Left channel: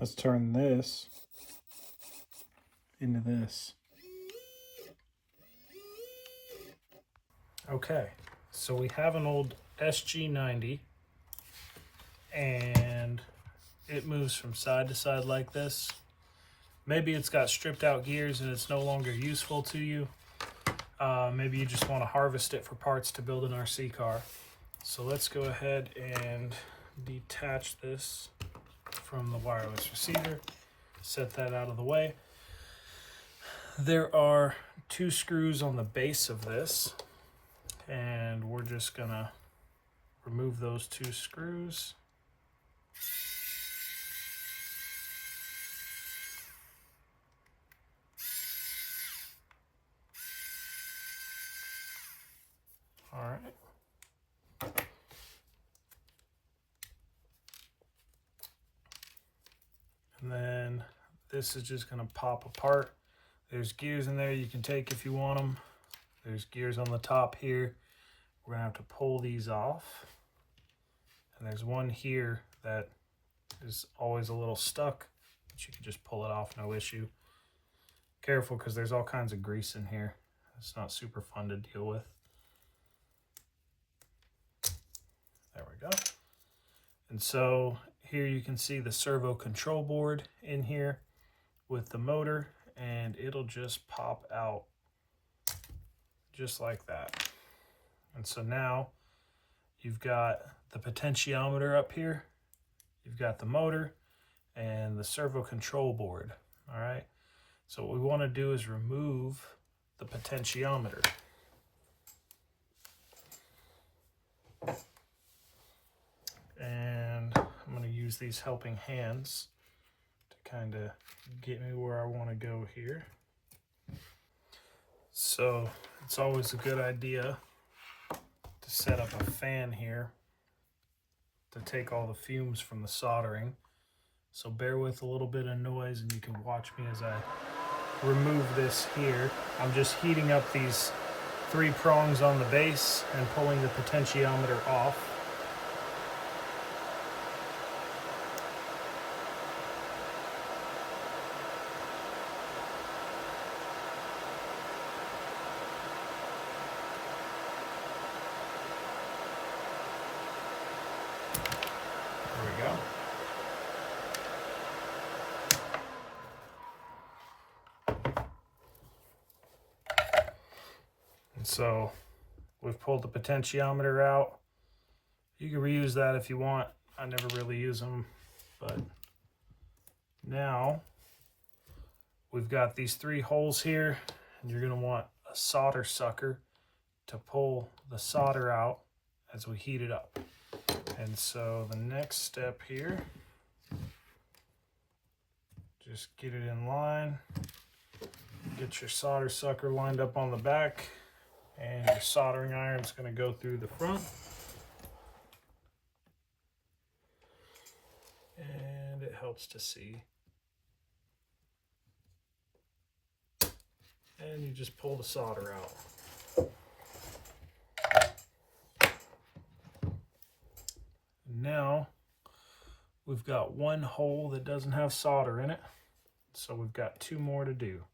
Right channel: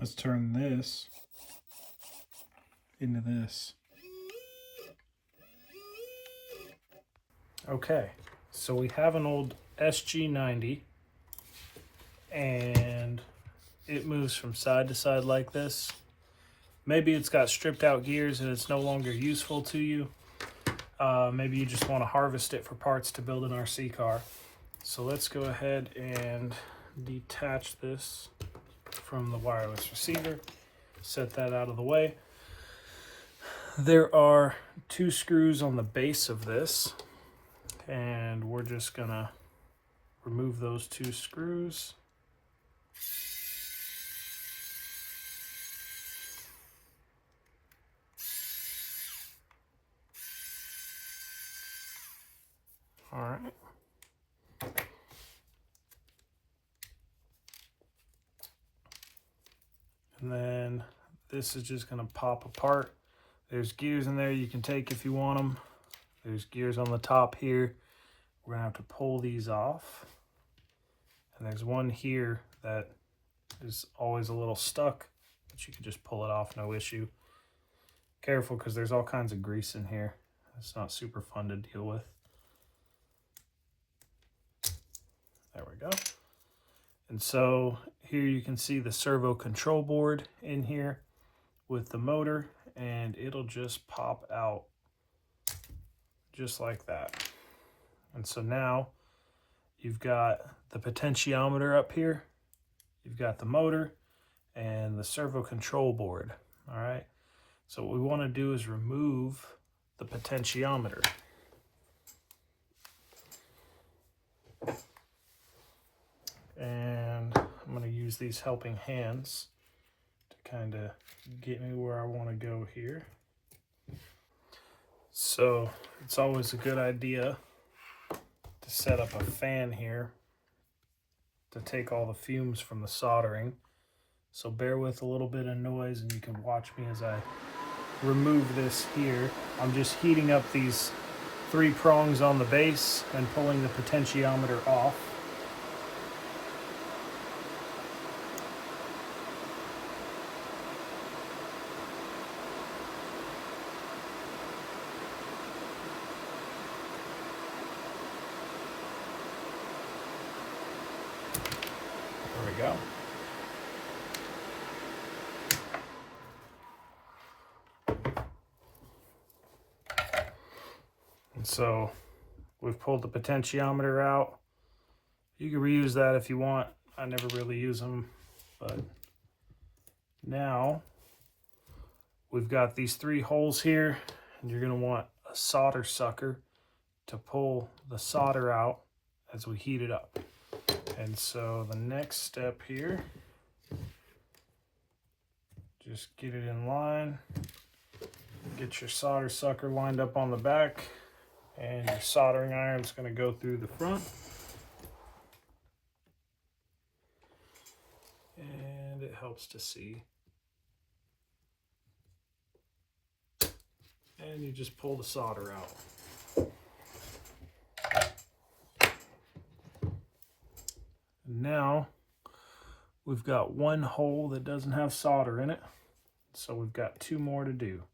Let's turn this into this. Okay, so we have an old SG90 and it moves from side to side like this. Maybe it's got stripped out gears and it's no longer useful to you. Maybe you just want to harvest it for parts to build an RC car. So let's go ahead and detach this from the wireless receiver. Set that out of the way. There are 2 screws on the base of this, and we're just gonna remove those 2 screws. All right. And then this is just gonna pop apart. There's gears in there you can take if you want them. There's gears on the top here. We're gonna have to pull these off. And there's one here that is always a little stuck, but you can just pull it off, no issue. Careful, because there's all kinds of grease in here. It's not super fun to deal with. There we go. And so here you can see the servo control board in here with the motor, and it'll just pop out just like that. And so now you've got the potentiometer up here, you've got the motor and the servo control board. All right, so what we want to do is remove the potentiometer. And I'm going to use these helping hands to kind of get me where I want to go here. So it's always a good idea to set up a fan here to take all the fumes from the soldering. So bear with a little bit of noise and you can watch me as I remove this here. I'm just heating up these 3 prongs on the base and pulling the potentiometer off. There we go. And so we've pulled the potentiometer out. You can reuse that if you want. I never really use them, but now we've got these 3 holes here, and you're going to want a solder sucker to pull the solder out as we heat it up. And so the next step here, just get it in line, get your solder sucker lined up on the back, and your soldering iron is going to go through the front. And it helps to see. And you just pull the solder out. Now we've got 1 hole that doesn't have solder in it, so we've got 2 more to do.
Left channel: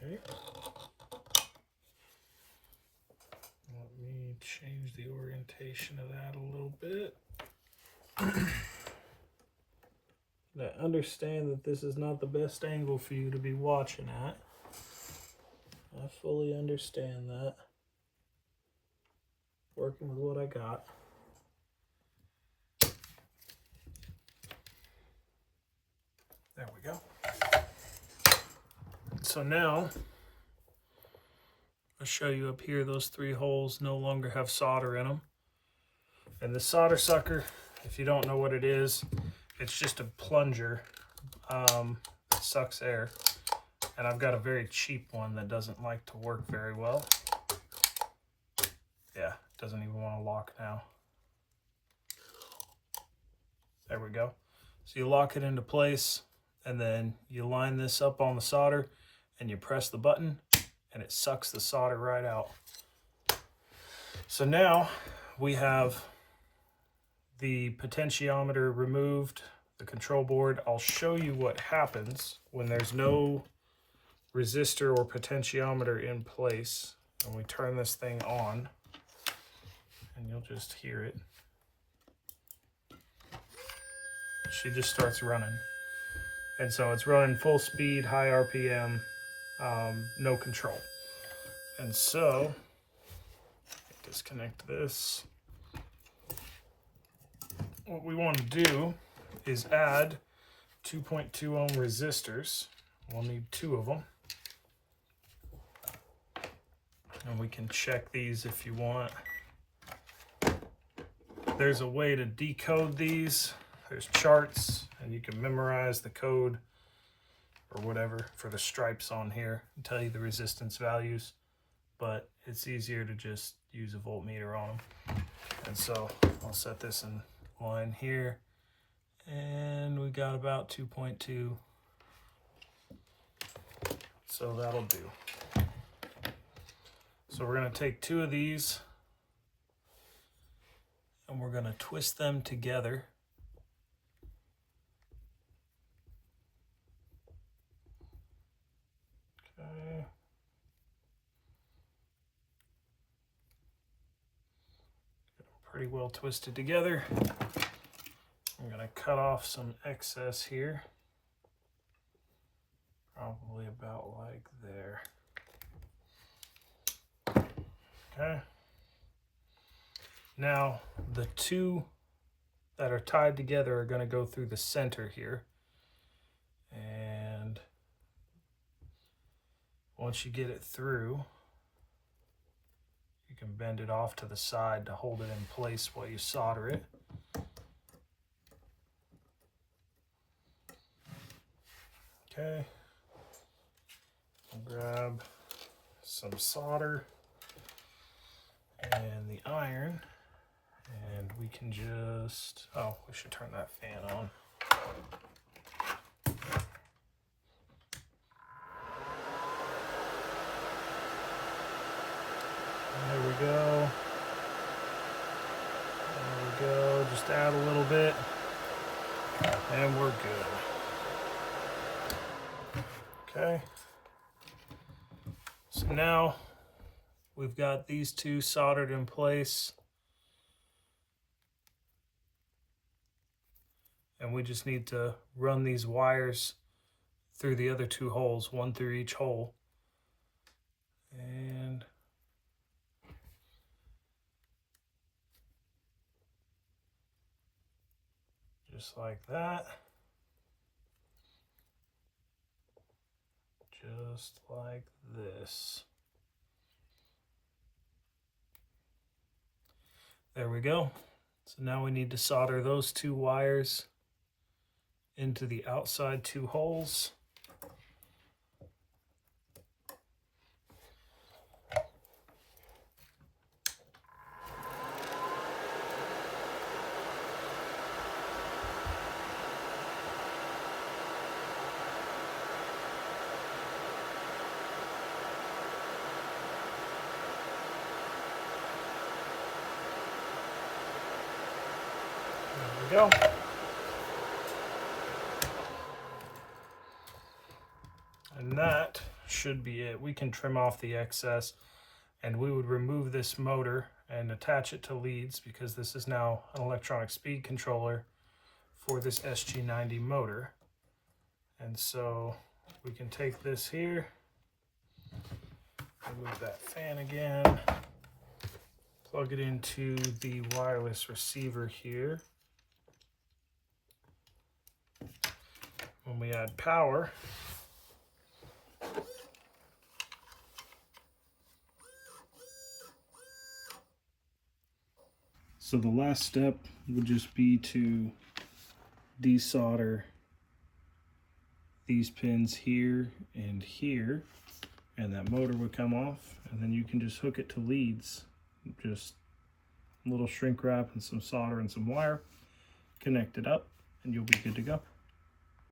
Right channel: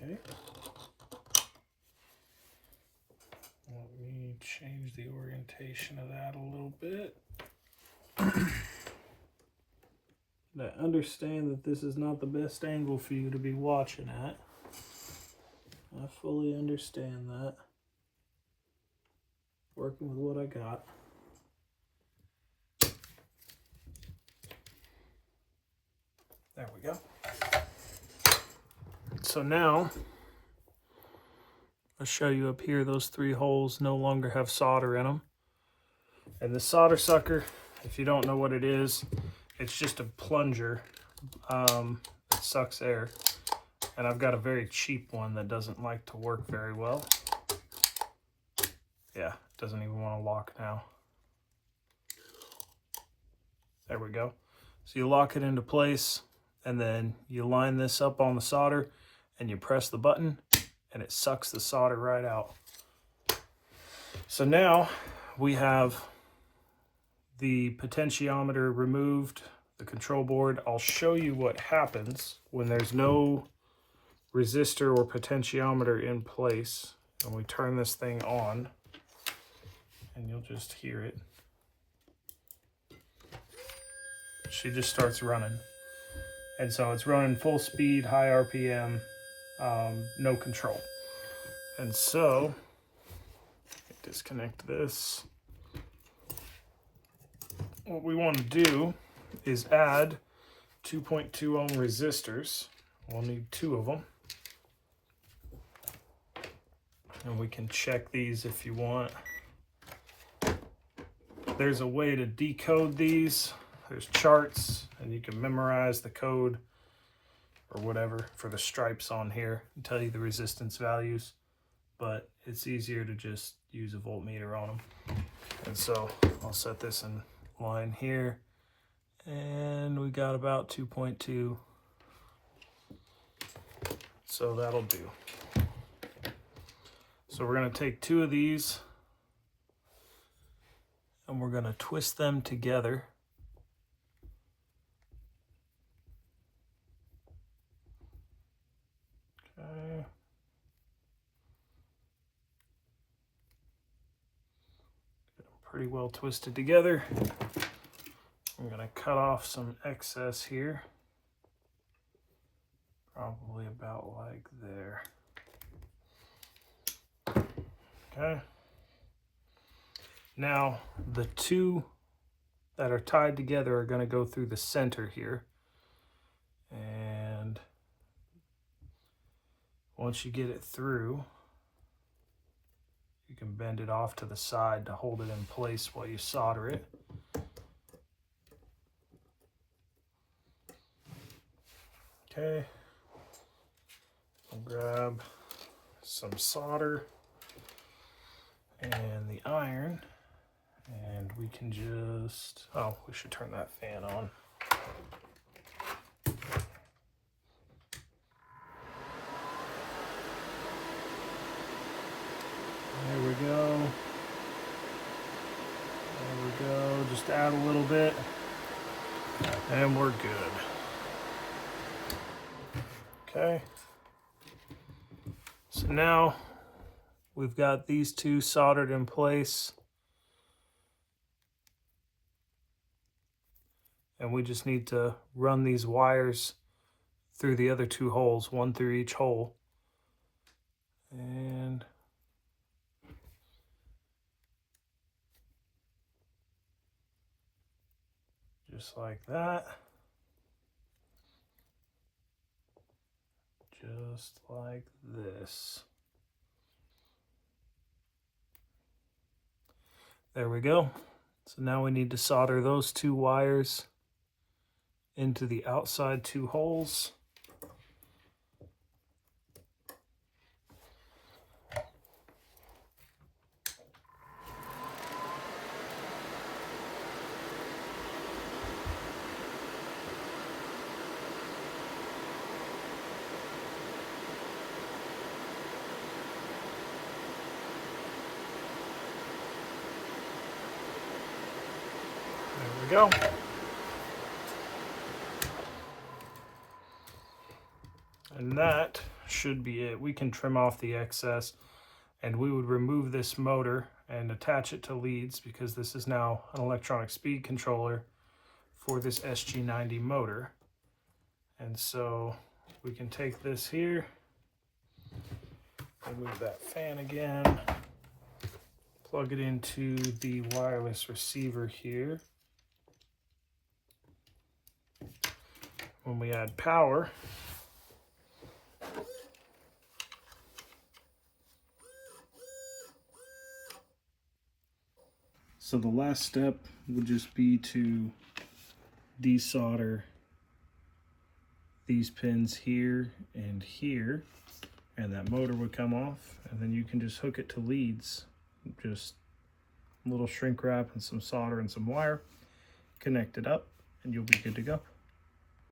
Okay. Let me change the orientation of that a little bit. Now, understand that this is not the best angle for you to be watching at. I fully understand that. Working with what I got. There we go. So now, I'll show you up here, those 3 holes no longer have solder in them. And the solder sucker, if you don't know what it is, It's just a plunger. It sucks air. And I've got a very cheap one that doesn't like to work very well. Yeah, it doesn't even want to lock now. There we go. So you lock it into place, and then you line this up on the solder, and you press the button, and it sucks the solder right out. So now we have the potentiometer removed, the control board. I'll show you what happens when there's no resistor or potentiometer in place, and we turn this thing on, and you'll just hear it. She just starts running, and so it's running full speed, high RPM, no control. And so disconnect this. What we want to do is add 2.2 ohm resistors. We'll need 2 of them. And we can check these if you want. There's a way to decode these. There's charts, and you can memorize the code or whatever for the stripes on here and tell you the resistance values, but it's easier to just use a voltmeter on them. And so I'll set this in line here, and we got about 2.2, so that'll do. So we're going to take 2 of these, and we're going to twist them together. Okay. Pretty well twisted together. I'm going to cut off some excess here, probably about like there. Okay. Now the 2 that are tied together are going to go through the center here, and once you get it through, you can bend it off to the side to hold it in place while you solder it. Okay, I'll grab some solder and the iron, and we can just, oh, we should turn that fan on. There we go. There we go. Just add a little bit, and we're good. Okay. So now we've got these 2 soldered in place, and we just need to run these wires through the other 2 holes, 1 through each hole. And just like that. Just like this. There we go. So now we need to solder those 2 wires into the outside 2 holes. There we go. And that should be it. We can trim off the excess, and we would remove this motor and attach it to leads, because this is now an electronic speed controller for this SG90 motor. And so we can take this here, remove that fan again, plug it into the wireless receiver here. When we add power, so the last step would just be to desolder these pins here and here, and that motor would come off, and then you can just hook it to leads. Just a little shrink wrap and some solder and some wire, connect it up, and you'll be good to go.